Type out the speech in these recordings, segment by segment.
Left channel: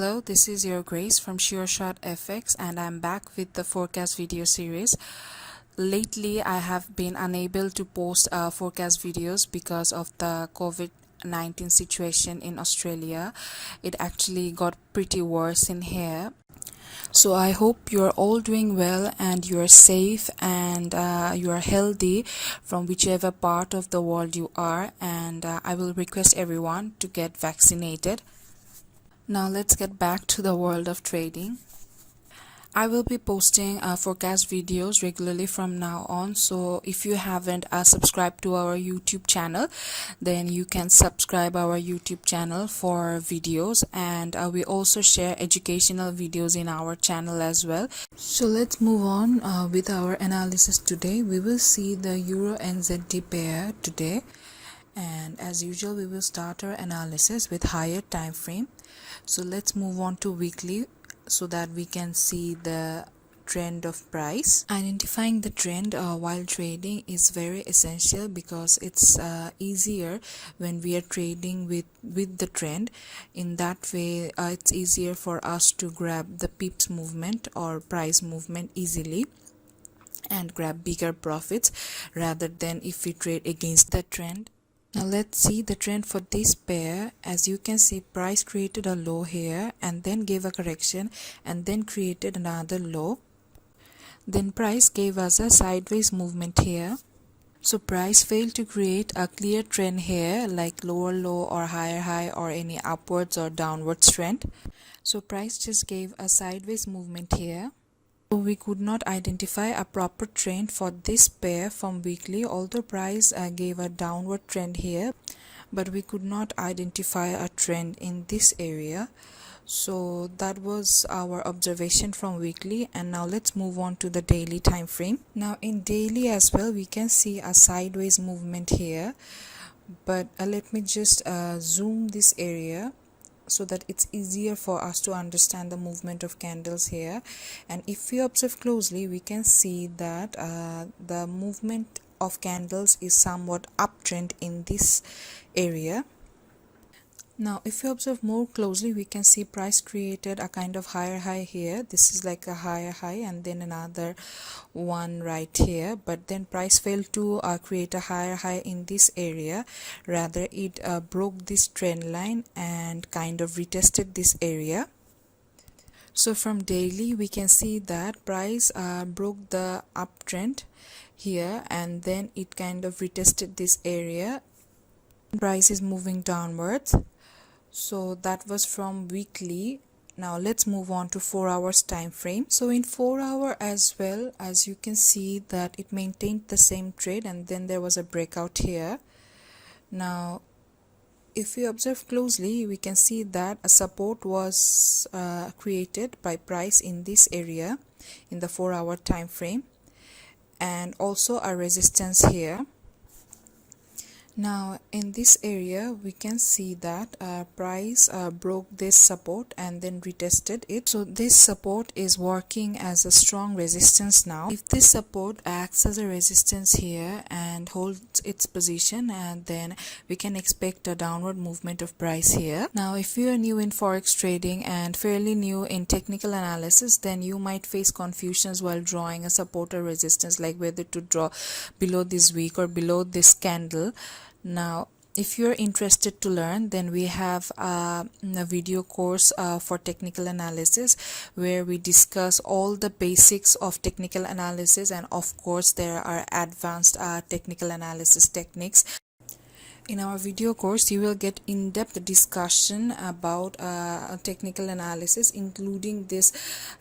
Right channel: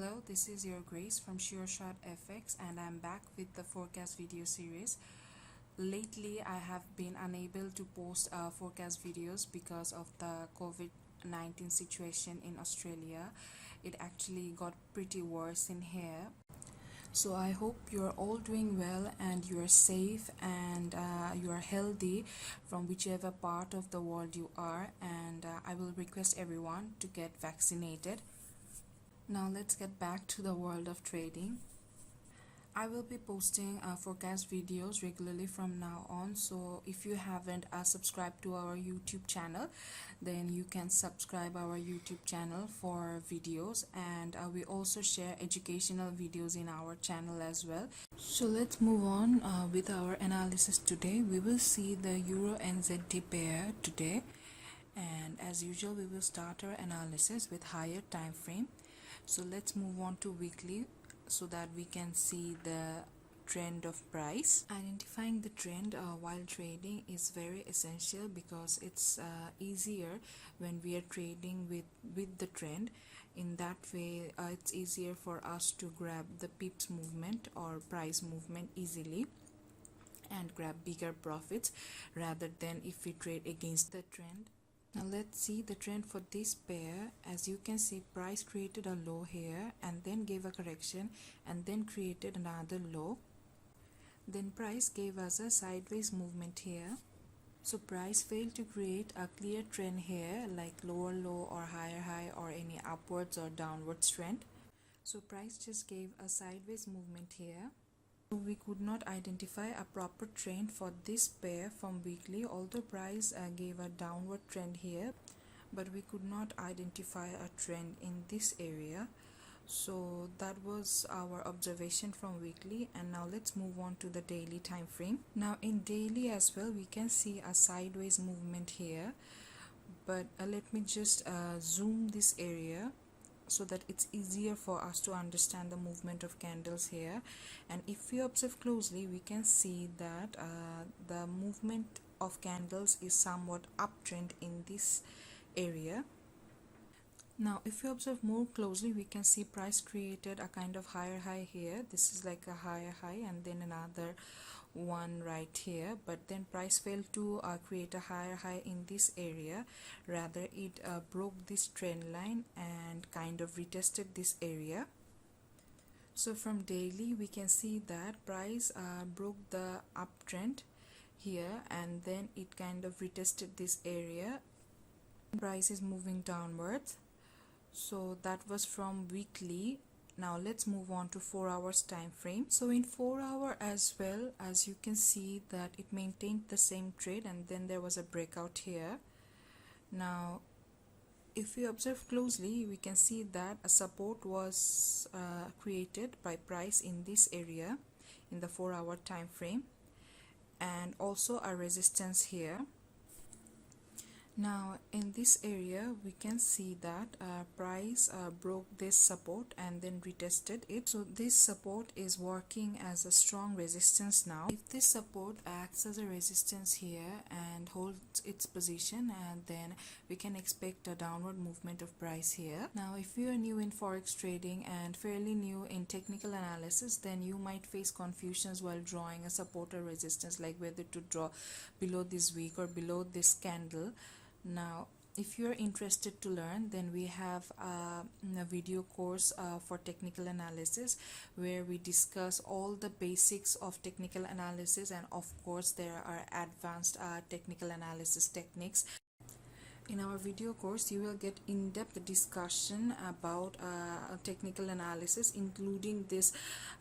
Hello, this is your Grace from SureShotFX and I'm back with the forecast video series. Lately, I have been unable to post forecast videos because of the COVID-19 situation in Australia. It actually got pretty worse in here. So I hope you're all doing well and you're safe and you are healthy from whichever part of the world you are, and I will request everyone to get vaccinated. Now let's get back to the world of trading. I will be posting forecast videos regularly from now on, so if you haven't subscribed to our YouTube channel, then you can subscribe our YouTube channel for videos, and we also share educational videos in our channel as well. So let's move on with our analysis today. We will see the EURNZD pair today, and as usual we will start our analysis with higher time frame. So let's move on to weekly so that we can see the trend of price. Identifying the trend while trading is very essential because it's easier when we are trading with the trend. In that way it's easier for us to grab the pips movement or price movement easily and grab bigger profits rather than if we trade against the trend. Now let's see the trend for this pair. As you can see, price created a low here and then gave a correction and then created another low. Then price gave us a sideways movement here. So price failed to create a clear trend here like lower low or higher high or any upwards or downwards trend. So price just gave a sideways movement here. So we could not identify a proper trend for this pair from weekly, although price gave a downward trend here, but we could not identify a trend in this area. So that was our observation from weekly, and now let's move on to the daily time frame. Now in daily as well we can see a sideways movement here, but let me just zoom this area so that it's easier for us to understand the movement of candles here. And if we observe closely, we can see that the movement of candles is somewhat uptrend in this area. Now if we observe more closely, we can see price created a kind of higher high here. This is like a higher high and then another one right here, but then price failed to create a higher high in this area. Rather it broke this trend line and kind of retested this area. So from daily we can see that price broke the uptrend here and then it kind of retested this area. Price is moving downwards. So that was from weekly. Now let's move on to 4 hours time frame. So in 4 hour as well, as you can see that it maintained the same trade and then there was a breakout here. Now if we observe closely, we can see that a support was created by price in this area in the 4 hour time frame, and also a resistance here. Now in this area we can see that price broke this support and then retested it. So this support is working as a strong resistance now. If this support acts as a resistance here and holds its position, and then we can expect a downward movement of price here. Now if you are new in forex trading and fairly new in technical analysis, then you might face confusions while drawing a support or resistance, like whether to draw below this wick or below this candle. Now if you're interested to learn, then we have a video course for technical analysis where we discuss all the basics of technical analysis, and of course there are advanced technical analysis techniques. In our video course, you will get in-depth discussion about technical analysis, including this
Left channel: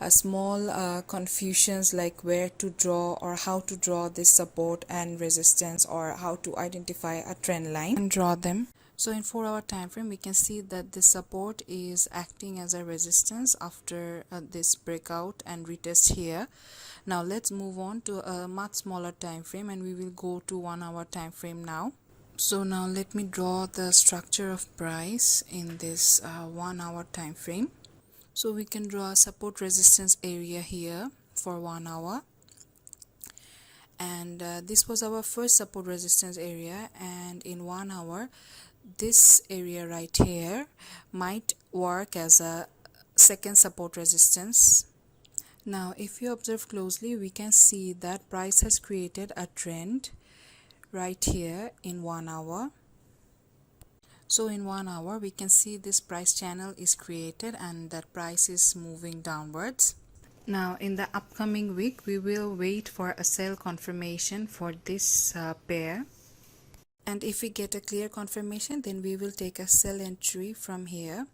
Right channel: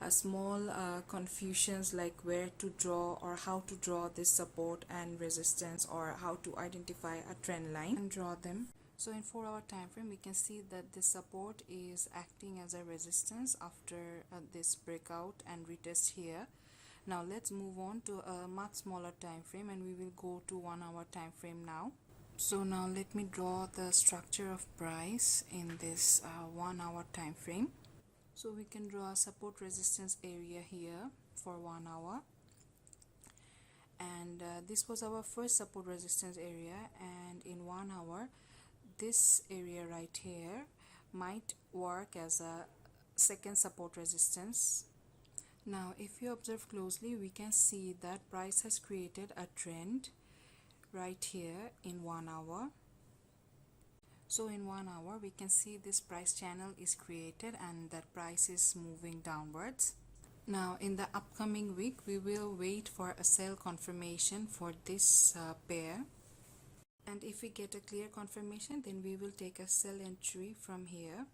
small confusions like where to draw or how to draw this support and resistance, or how to identify a trend line and draw them. So in 4 hour time frame, we can see that this support is acting as a resistance after this breakout and retest here. Now let's move on to a much smaller time frame, and we will go to 1 hour time frame now. So now let me draw the structure of price in this 1 hour time frame. So we can draw a support resistance area here for 1 hour, and this was our first support resistance area, and in 1 hour this area right here might work as a second support resistance. Now if you observe closely, we can see that price has created a trend right here in 1 hour. So in 1 hour we can see this price channel is created and that price is moving downwards. Now in the upcoming week we will wait for a sell confirmation for this pair, and if we get a clear confirmation then we will take a sell entry from here.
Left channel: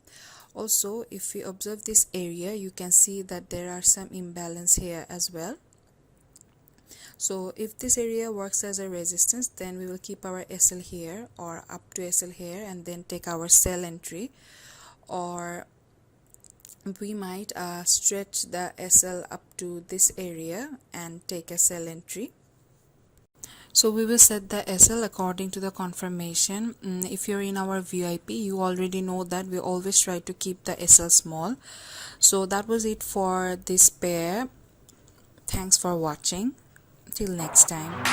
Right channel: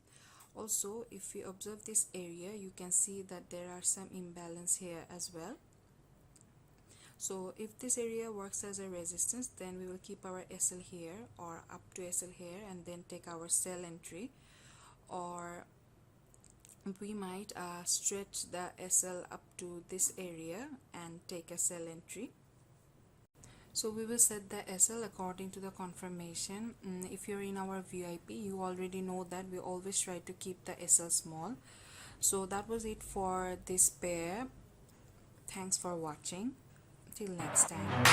Also, if we observe this area, you can see that there are some imbalance here as well. So if this area works as a resistance, then we will keep our SL here or up to SL here and then take our sell entry, or we might stretch the SL up to this area and take a sell entry. So we will set the SL according to the confirmation. If you're in our VIP, you already know that we always try to keep the SL small. So that was it for this pair. Thanks for watching. Till next time.